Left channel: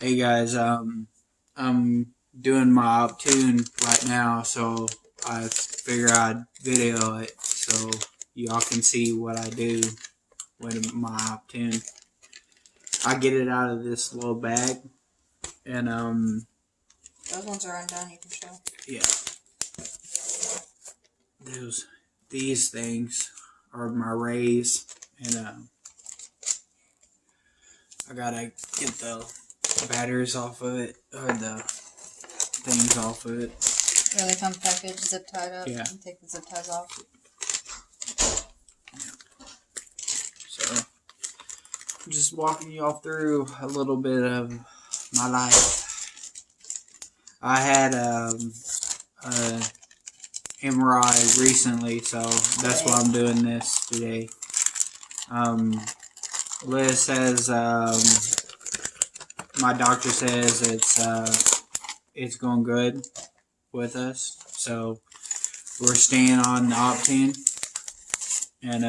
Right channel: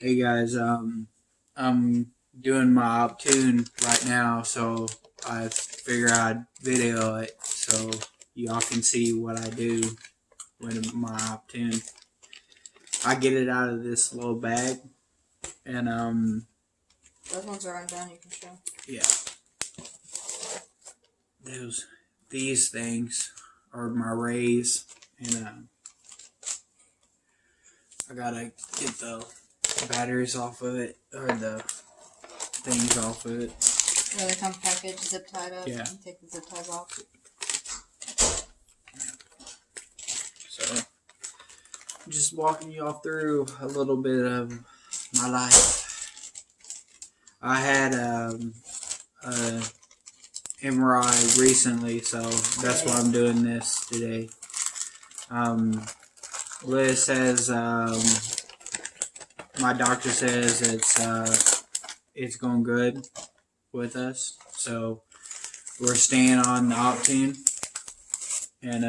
Hey guys, I'm doing my Optune right now, so I figure I'd video it so y'all can see what I do with my Optune. I get it out of this little bag, and Those ones are undone, you can show. yeah, these things are my rays, and I gotta get the batteries off of it, or the things off of it. Yeah, they come packaged, zip tied up. Yeah. You take the zip ties off. So, I'm just walking you all through a little bit of my life. I had a MRI recently, so that's why I'm doing this today. Liz says, my doctor says it's going good with us, so we're staying on the Optune, and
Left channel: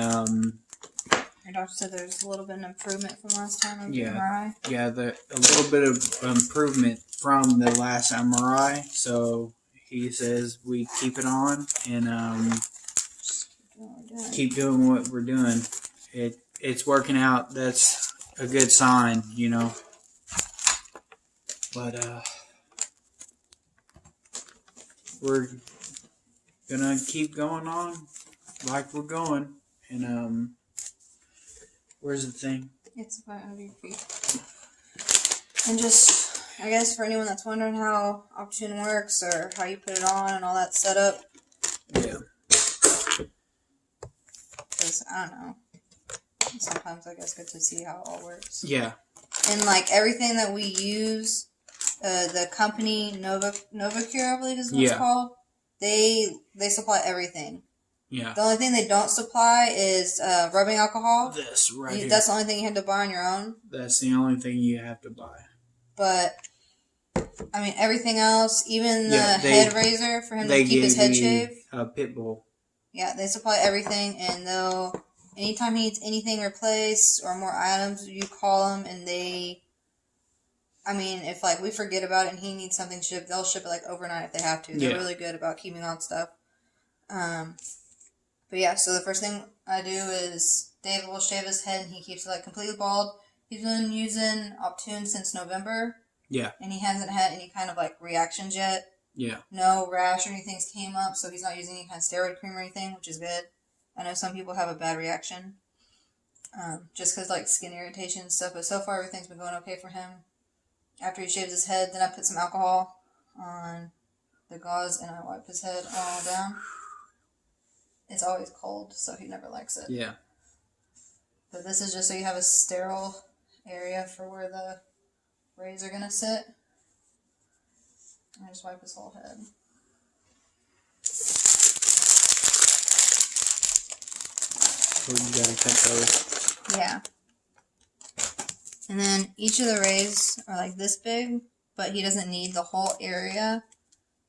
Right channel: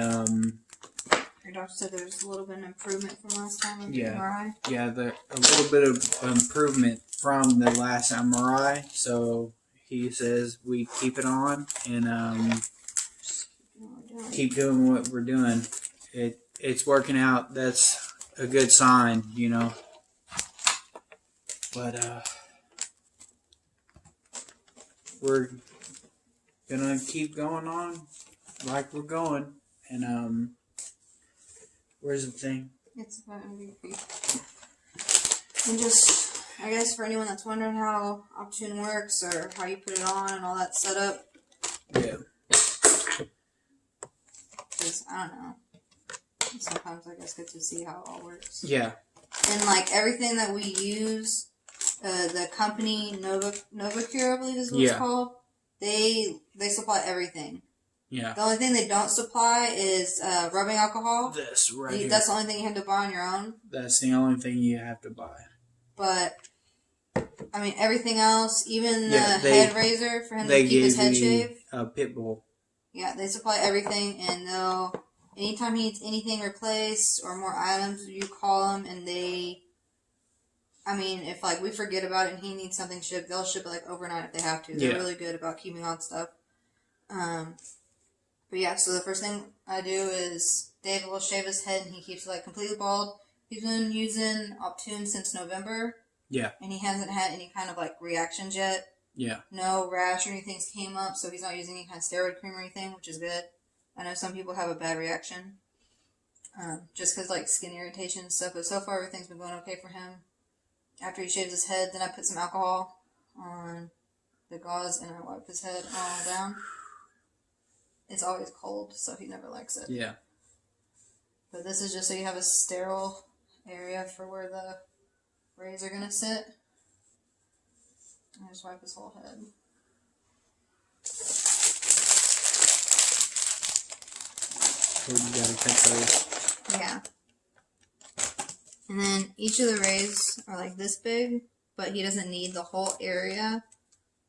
Your doctor said there was a little bit of improvement from last time on the yeah. MRI. Yeah, a little bit of improvement from the last MRI. So he says we keep it on and keep doing what we're doing. It's working out. That's a good sign, you know. But we're gonna keep going on like we're going. And where's the thing? It's about under your feet. And just, I guess for anyone that's wondering how Optune works or how you put it on and all that setup, Yeah. because I don't know. Sometimes I guess get to see how it all works. Yeah. And like everything that we use, the company Novacure, I believe is what it's called. They supply everything. Yeah. The only thing they don't supply is rubbing alcohol. This right here. That's the only thing you have to buy on your own. That's the only thing you have to buy. But I mean, everything else, even the head razor for him to keep his head shaved. A pit bull. Yeah, they supply everything, and they'll anytime he needs anything replaced or more items, you call them, and they. I mean, if like we forget about it and he needs something shipped, they'll ship it like overnight if they have to. They're really good about keeping on stuff. But yeah, so the first thing I do is Dave will shave his head and he keeps it like completely bald. He's been using Optune since November. Yeah. And he hasn't had any kind of like reactions yet. Yeah. No rash or anything's came up, so he's not using any kind of steroid cream or anything, which is good. I know some people have a bad reaction. Just because like skin irritation and stuff, but so far everything's been going okay for him. After he shaves his head, then I put some alcohol on the gauze and I wipe his head all down. It's always cold, so he never likes it. Yeah. But this is just so you have a sterile area for where the rays are going to sit. I just wipe his whole head. So you gotta cut those. Yeah. And then each of the rays are like this big, but he doesn't need the whole area.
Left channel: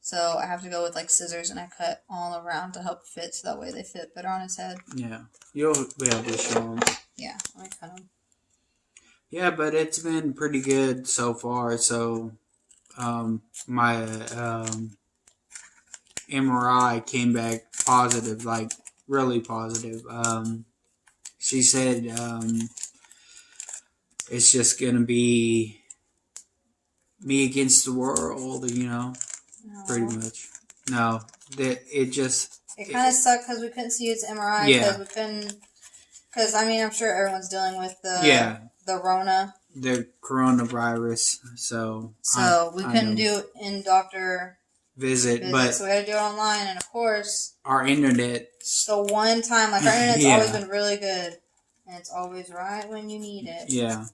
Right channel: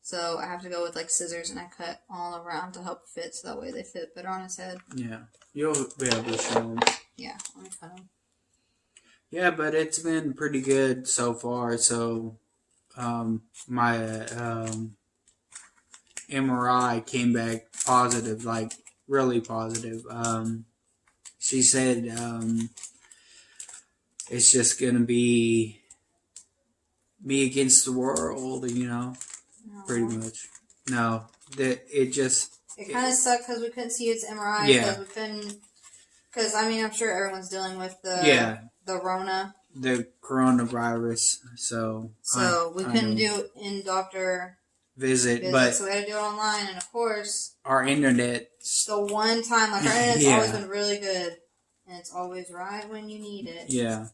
So I have to go with like scissors and I cut all around to help fit so that way they fit better on his head. Yeah. You'll be able to show them. Yeah, let me cut them. Yeah, but it's been pretty good so far. So my MRI came back positive, like really positive. She said it's just gonna be me against the world, you know, pretty much. No, it kind of sucked because we couldn't see its MRI because we couldn't. Because I mean, I'm sure everyone's dealing with the Rona, the coronavirus. So we couldn't do in-doctor visit, but so we had to do it online, and of course our internet. The one time, like our internet's always been really good, and it's always right when you need it. Yeah,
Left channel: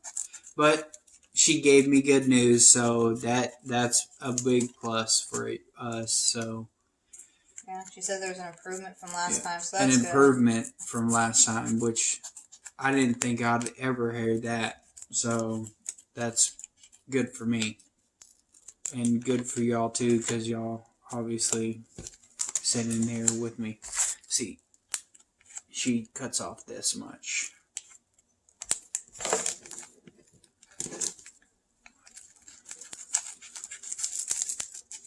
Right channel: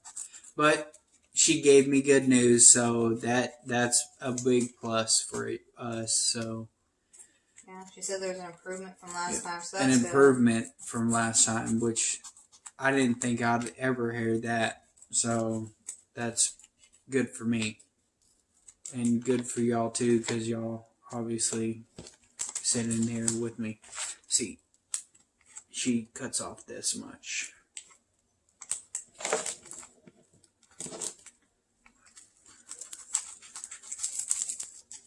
but she gave me good news, so that's a big plus for us. So yeah, she said there's an improvement from last time, so that's an improvement from last time, which I didn't think I'd ever hear that. So that's good for me, and good for y'all too, because y'all obviously sitting here with me. See, she cuts off this much.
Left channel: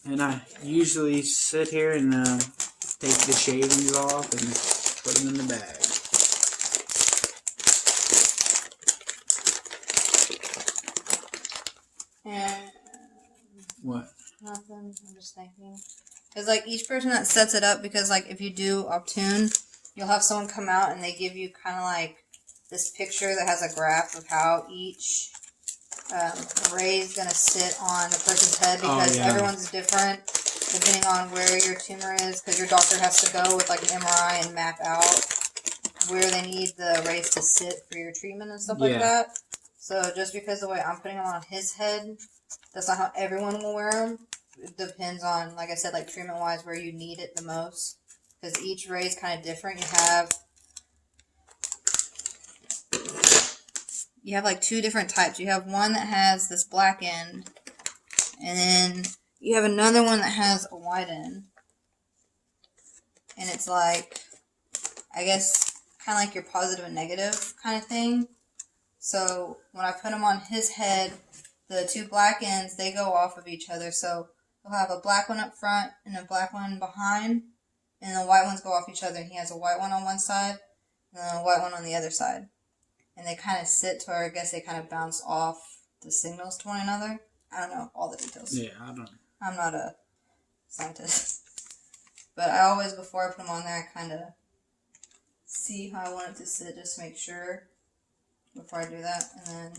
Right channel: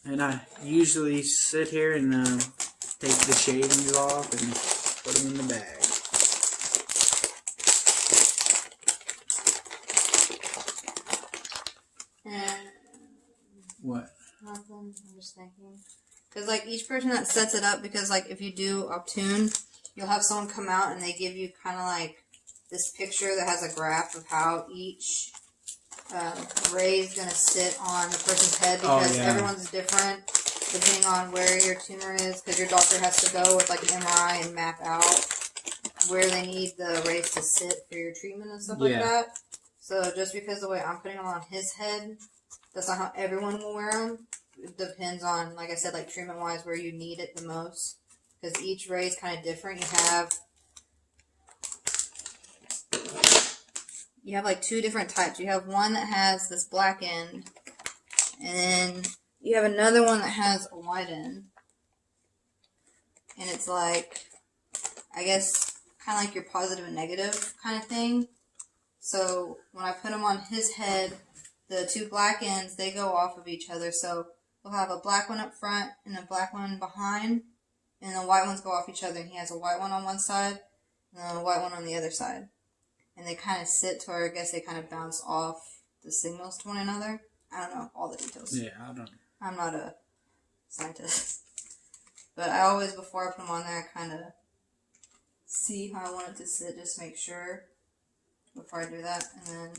And I usually sit here and take the shavings off and put them in the bag. And What? nothing. I'm just thinking. Because, like, each person that sets it up, because, like, if you do Optune, you'll have someone come out and they give you kind of like this picture that has a graph of how each ray is going to sit on the person's head, because everyone's different depending on where your tumor is, because your doctor has to go with, like, an MRI and map out where they need the rays to sit for your treatment and stuff like that. So just because the way I'm putting them on his head, that's not how everyone will wear them. It depends on, like I said, like treatment-wise, where you need it the most. Because each ray is kind of different. You have like two different types. You have one that has this black end, and then you have another one that has a white end. And it's like, I guess, kind of like your positive and negative kind of thing. So when I put them on his head, the two black ends, they go off of each other. So we'll have a black one up front and a black one behind, and the white ones go off each other. And he has a white one on one side and a white one on the other side. And they kind of sit to where I guess they kind of bounce off the signals to one another. I don't know all the details. Yeah, I don't. I'm not a scientist. But I always, before I put them on there, I kind of see how I want it to sit, just to make sure before I do that. And then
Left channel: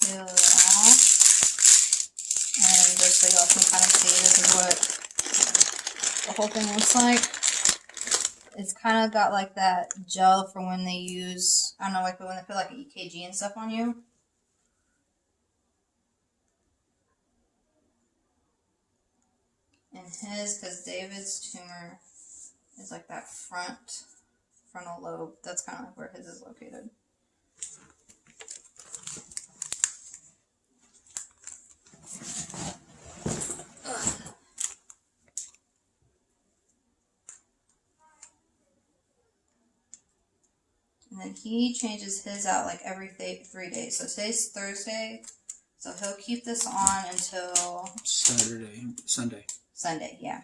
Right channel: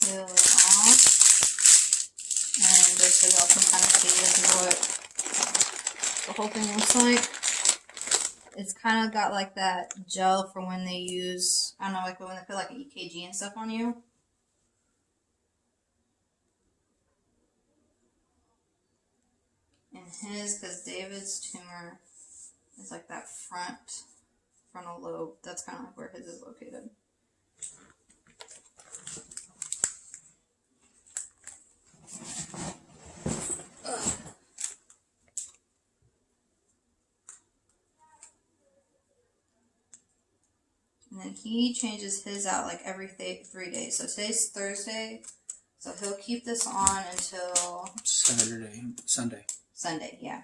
peel it off. And just so y'all can kind of see, this is what the whole thing looks like. It's kind of got like that gel for when they use, I don't know, like when they put like an EKG and stuff on you. And his, because David's tumor is like that frontal lobe. That's kind of like where his is located. And then he changes his out like every 3 days. So today's Thursday, so he'll keep this on until Sunday, yeah.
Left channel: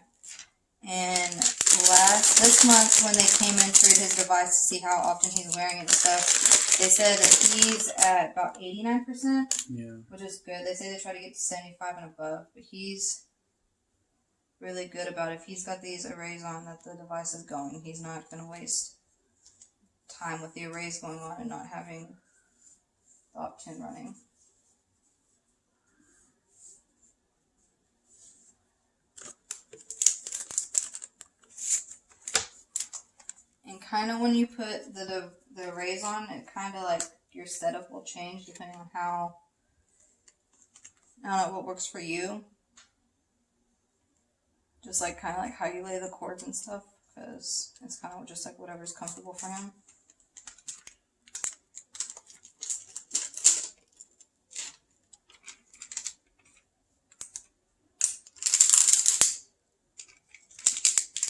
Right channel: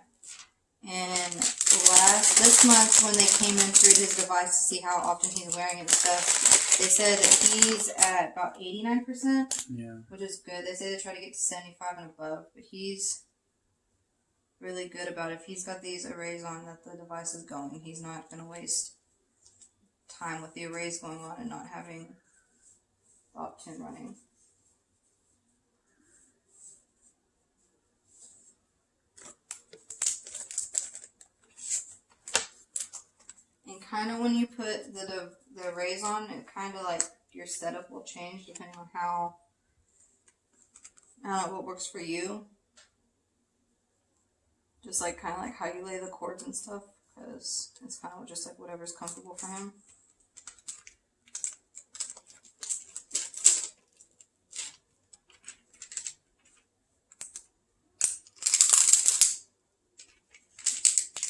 And this month when they came in through his device to see how often he's wearing it and stuff, they said that he's at about 89%. Yeah. Which is good. They say they try to get to 75 and above, but he's really good about it. If he's got these arrays on that the device is going, he's not going to waste time with the arrays going on and not having the Optune running. And kind of when you put the arrays on, it kind of like your setup will change depending on how, I don't know, what works for you. Just like kind of like how you lay the cords and stuff, because it's kind of just like whatever's comfortable for him.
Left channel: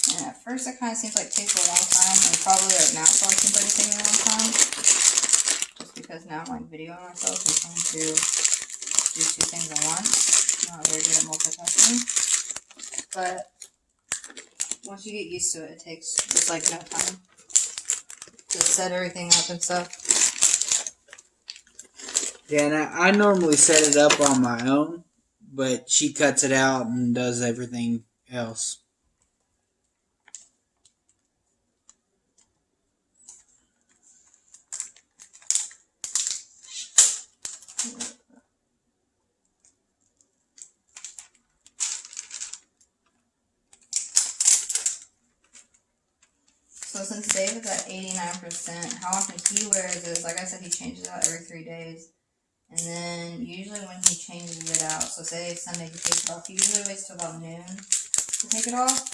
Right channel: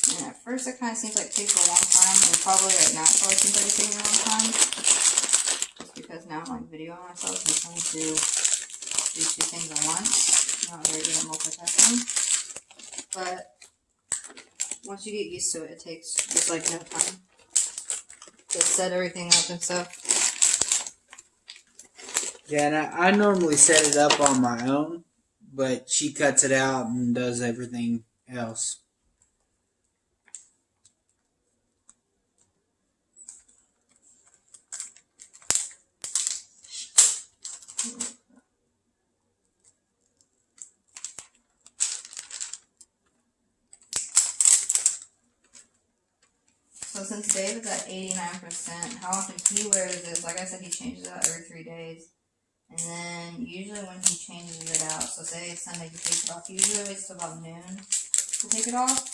And at first it kind of seems like it takes a long time, and probably right now it probably seems like it's taking a long time. Just because now I'm like videoing myself and trying to do two things at once. I'm not very good at multitasking. But once you get used to it, it takes just like no time to set everything up and stuff. Yeah, and I normally set it up on my own, but she cuts it out and does everything else. So since Dave is at 89%, how often he wears is, like I said, he changes it out every 3 days. And then usually when he changes it out, so say it's Sunday, he takes it off. He usually waits till about noon to take it off.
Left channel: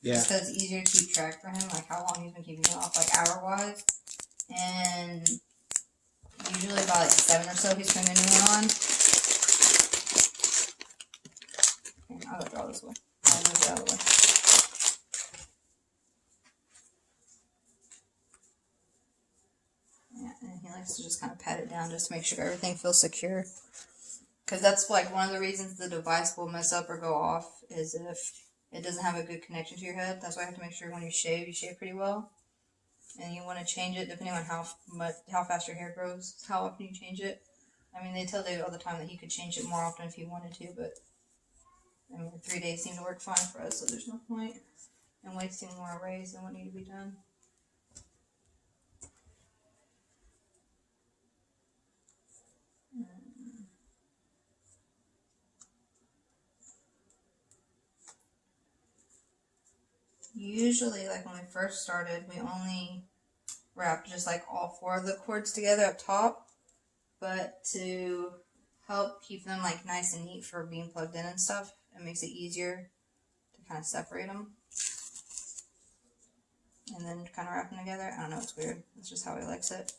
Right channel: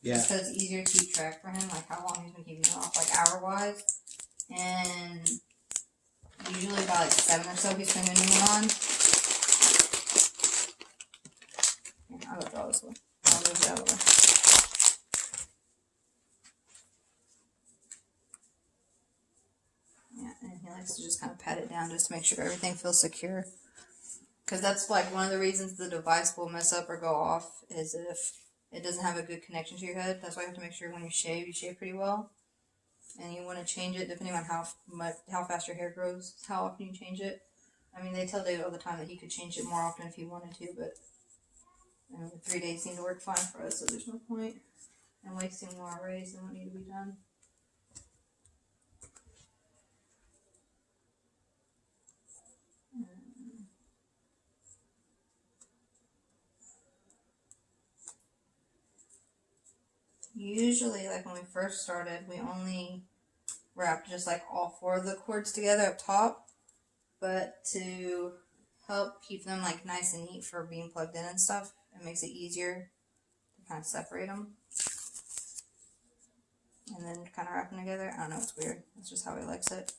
Yeah. Just because it's easier to keep track for him, like how long he's been keeping it off, like hour-wise. And usually about like 7 or so, he's putting a new one on. Here, I'll go draw this way. I'll move it out of the way. Yeah, he likes to just kind of pat it down just to make sure everything feels secure. Because that's like one of the reasons the device will mess up or go off is if it doesn't have a good connection to your head. That's why you have to make sure when you shave pretty well. And you want to change it depending on how fast your hair grows, how often you change it. I mean, they tell David all the time that he could change it more often if he wanted to, but I mean, 3 days seem to work fine for us, so there's no point in wasting more rays than what need to be done. Usually, like when we first started, we only wrapped just like all 4 of the cords together up top, but to help keep them like nice and neat for being plugged in and stuff, it makes it easier to kind of separate them and then kind of wrap them together. I don't know, it's weird. That's just how he likes it.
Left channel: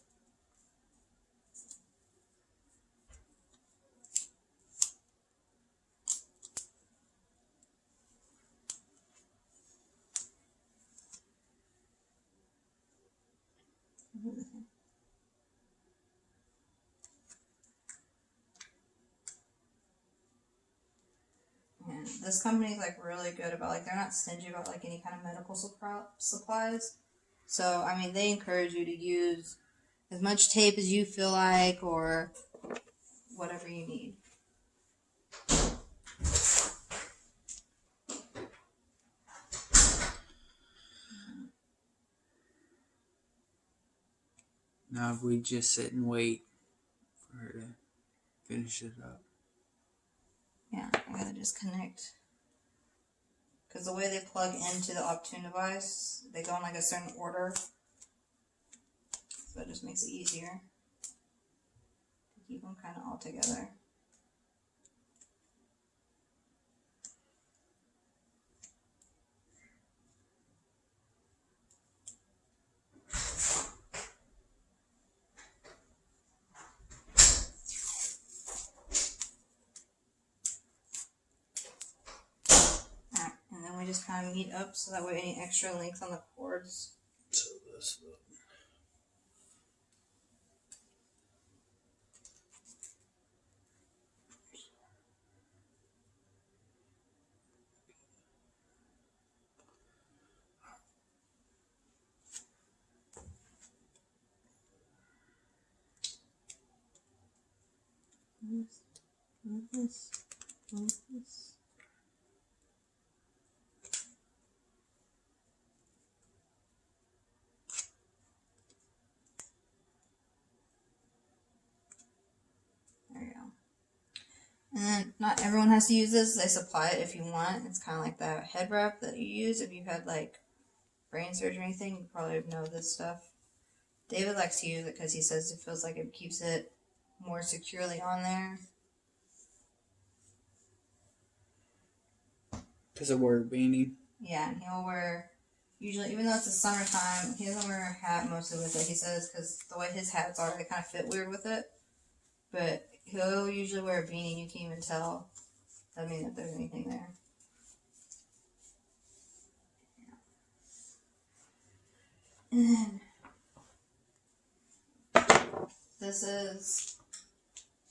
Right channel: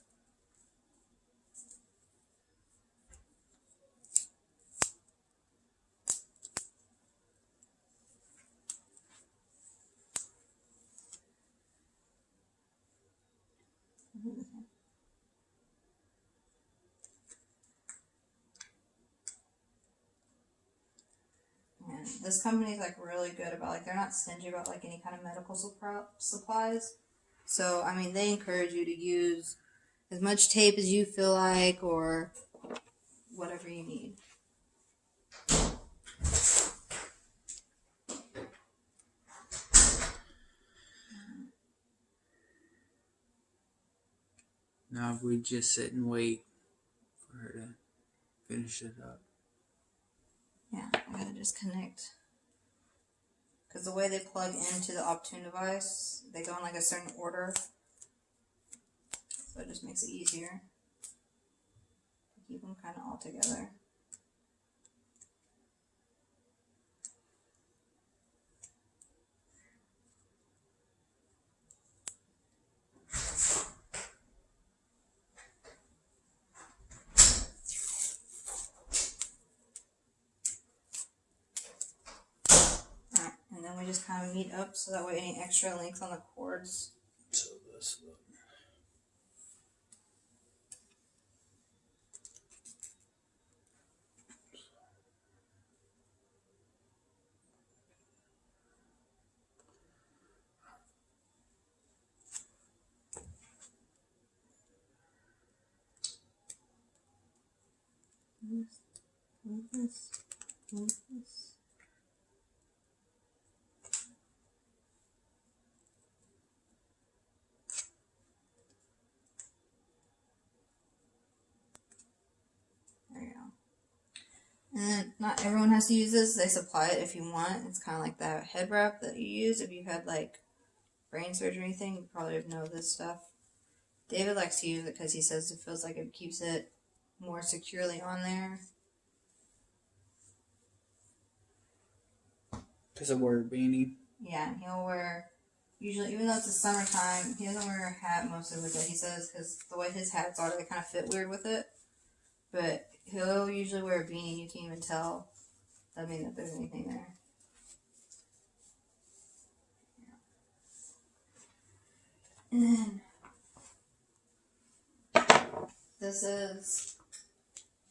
And this company is like really good about like they're not stingy about like any kind of medical supplies. So I mean they encourage you to use as much tape as you feel like or whatever you need. Now if we just sit and wait for her to finish it up. Yeah, I gotta just connect. Because the way they plug into the Optune device, they go in like a certain order. So it just makes it easier to keep them kind of all together. Alright, and then we just kind of meet up so that way any extra length on the cords. So this look. This. There you go. And then not everyone has to use this. They supply it if you want. It's kind of like that head wrap that you use if you've had like brain surgery or anything. You probably know this stuff. David likes to use it because he says it feels like it keeps it more securely on there. Because I wear a beanie. Yeah, and he'll wear, usually, even though it's the summertime, he doesn't wear a hat mostly with it, he says, because the way his hats are, they kind of fit weird with it. But he'll usually wear a beanie, and you can't even tell, I mean, that there's anything there. And then, this is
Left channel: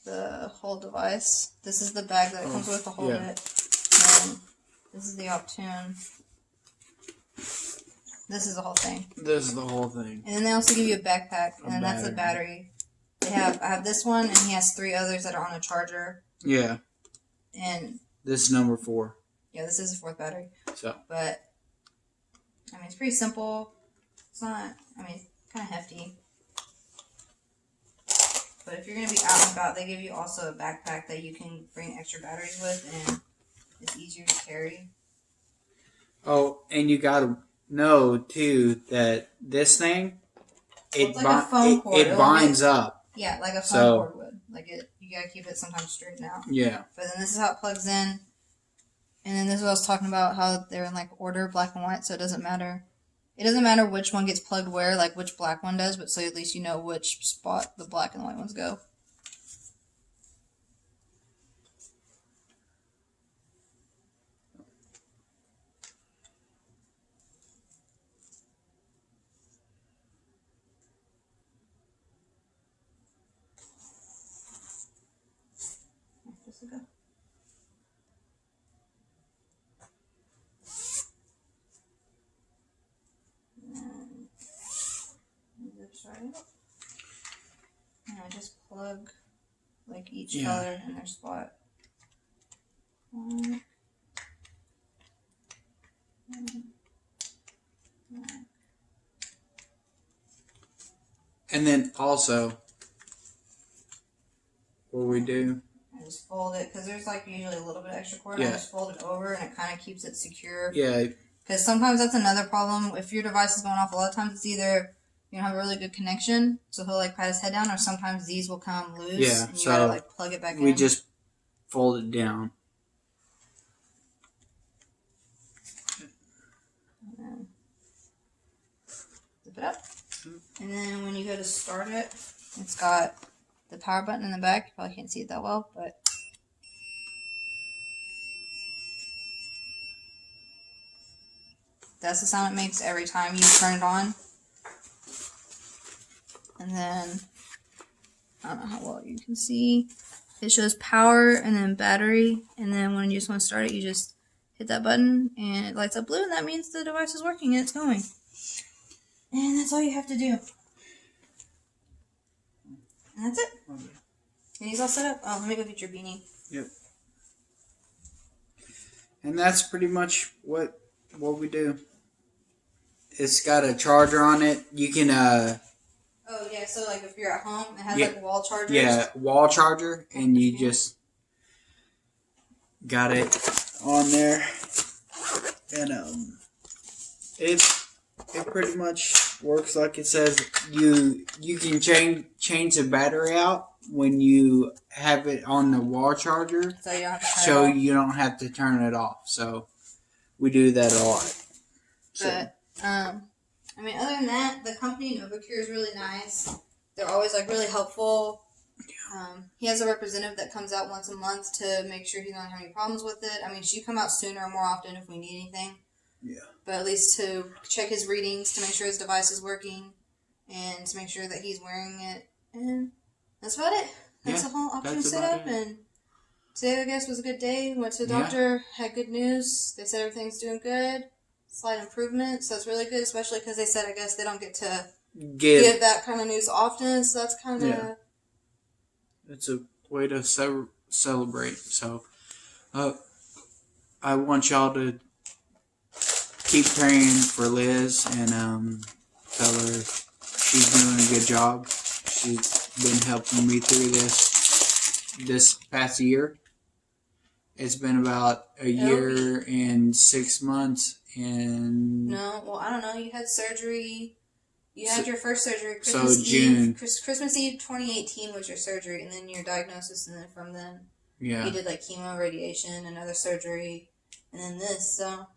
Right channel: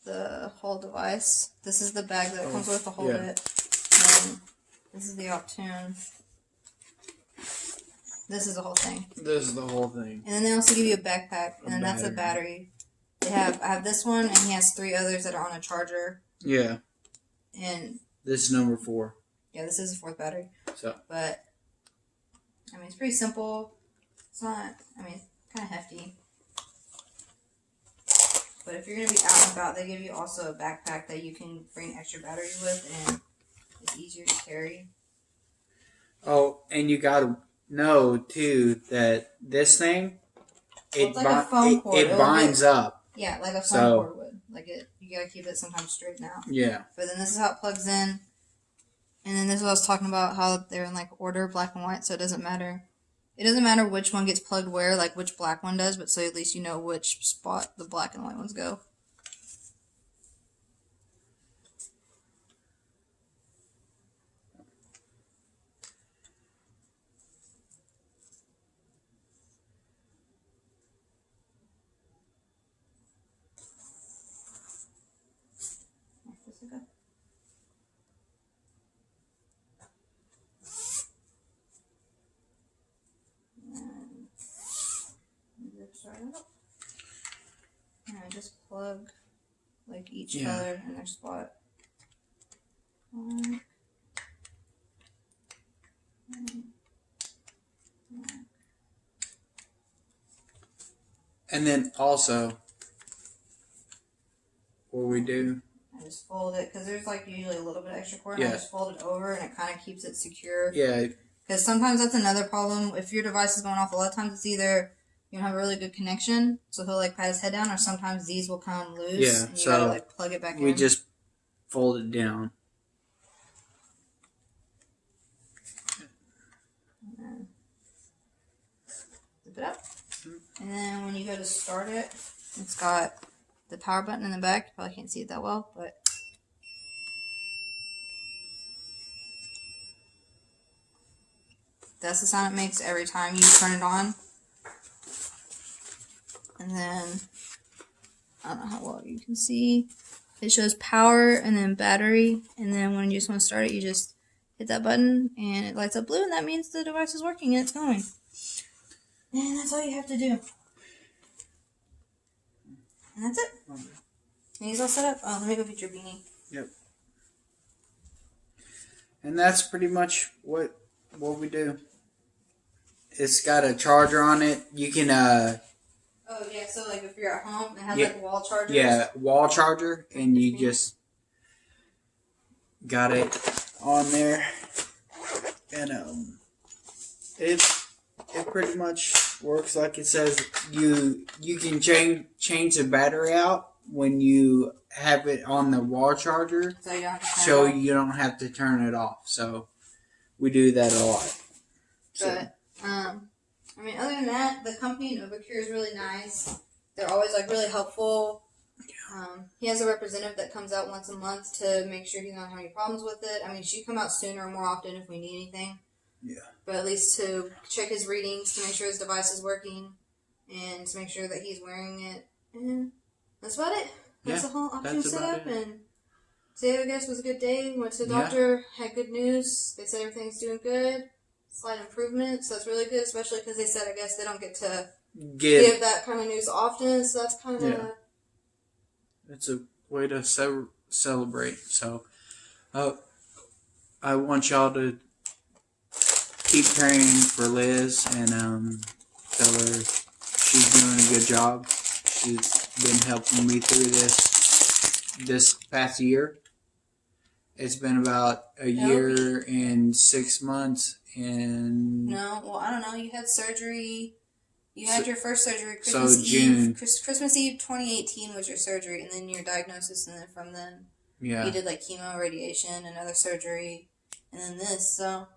the whole device. This is the bag that it comes with to hold it. And this is the Optune. This is the whole thing. This is the whole thing. And then they also give you a backpack, and then that's a battery. I have this one, and he has 3 others that are on a charger. Yeah. And this is number 4. Yeah, this is the 4th battery. So. But I mean, it's pretty simple. It's not. I mean, it's kind of hefty. But if you're gonna be out and about, they give you also a backpack that you can bring extra batteries with, and it's easier to carry. Oh, and you gotta know too that this thing, it binds up. Yeah, like a phone cord would. Like you gotta keep it sometimes straightened out. Yeah. But then this is how it plugs in, and then this is what I was talking about, how they're in like order, black and white, so it doesn't matter. It doesn't matter which one gets plugged where, like which black one does, but so at least you know which spot the black and the white ones go. start it up. And I just plug like each Yeah. color in their spot. Black. And then also, what we do, I just fold it because there's like usually a little bit of extra cord. Yeah. I just fold it over and it kind of keeps it secure. yeah, Because sometimes that's another problem. If your device is going off, a lot of times it's either you don't have a really good connection, so he'll like pat his head down, or sometimes these will come loose Yeah, and you so gotta like plug it back in. we just fold it down. And then zip it up. And then when you go to start it, it's got the power button in the back. You probably can't see it that well, but that's the sound it makes every time you turn it on. And then, I don't know how well you can see, it shows power and then battery. And then when you just want to start it, you just hit that button and it lights up blue, and that means the device is working and it's going. And that's all you have to do. And that's it. And he's all set up. Oh, let me go get your beanie. Yep. And that's pretty much what we do. It's got a charger on it. You can Oh yeah, so like if you're at home, it has Yeah. like wall chargers. yeah, wall charger, and you just got it on there, and it pretty much works like it says. You can change the battery out when you have it on the wall charger, So you don't have to turn so it on. you don't have to turn it off. So we do that a lot. So, But I mean, other than that, the company Novacure is really nice. They're always like really helpful. He has a representative that comes out once a month to make sure he doesn't have any problems with it. I mean, she'd come out sooner or more often if we need anything. yeah. But at least to check his readings, to make sure his device is working, and to make sure that he's wearing it. And that's about it. That's Yeah, the whole Optune that's about setup. it. And today, I guess, was a good day. Went to the Yeah. doctor, had good news. They said everything's doing good. Slight improvement, so that's really good, especially because they said, I guess, they don't get to give that kind of news often, so that's kind of... Yeah. It's a way to celebrate. So, I want y'all to keep praying for Liz and tell her she's doing a good job. She's been helping me through this past year. It's been about a year and 6 months, and No, well, I don't know. You had surgery. You had your first surgery. So June. Christmas Eve 2018 was your surgery, and then your diagnosis, and then from then yeah, you did like chemo, radiation, another surgery, and then this. So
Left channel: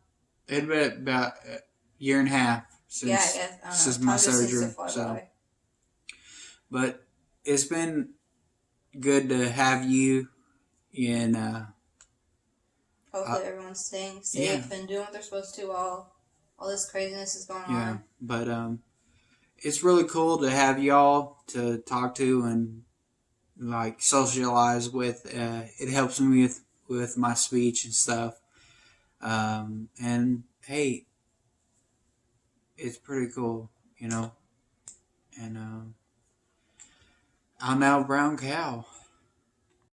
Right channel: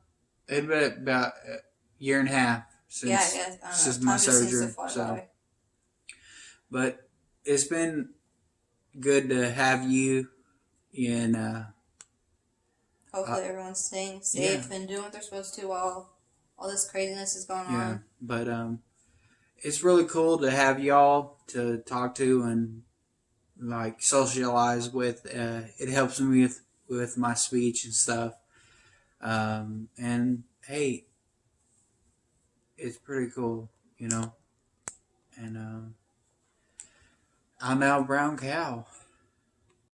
it'd been about a year and a half since yeah, I guess I don't know. since Time my just seems to surgery. fly So, by. but it's been good to have you in. Hopefully, everyone's staying safe and doing what they're supposed to while all this craziness is going on. But it's really cool to have y'all to talk to and like socialize with. It helps me with my speech and stuff. And hey, it's pretty cool, you know. And I'm now Brown Cow.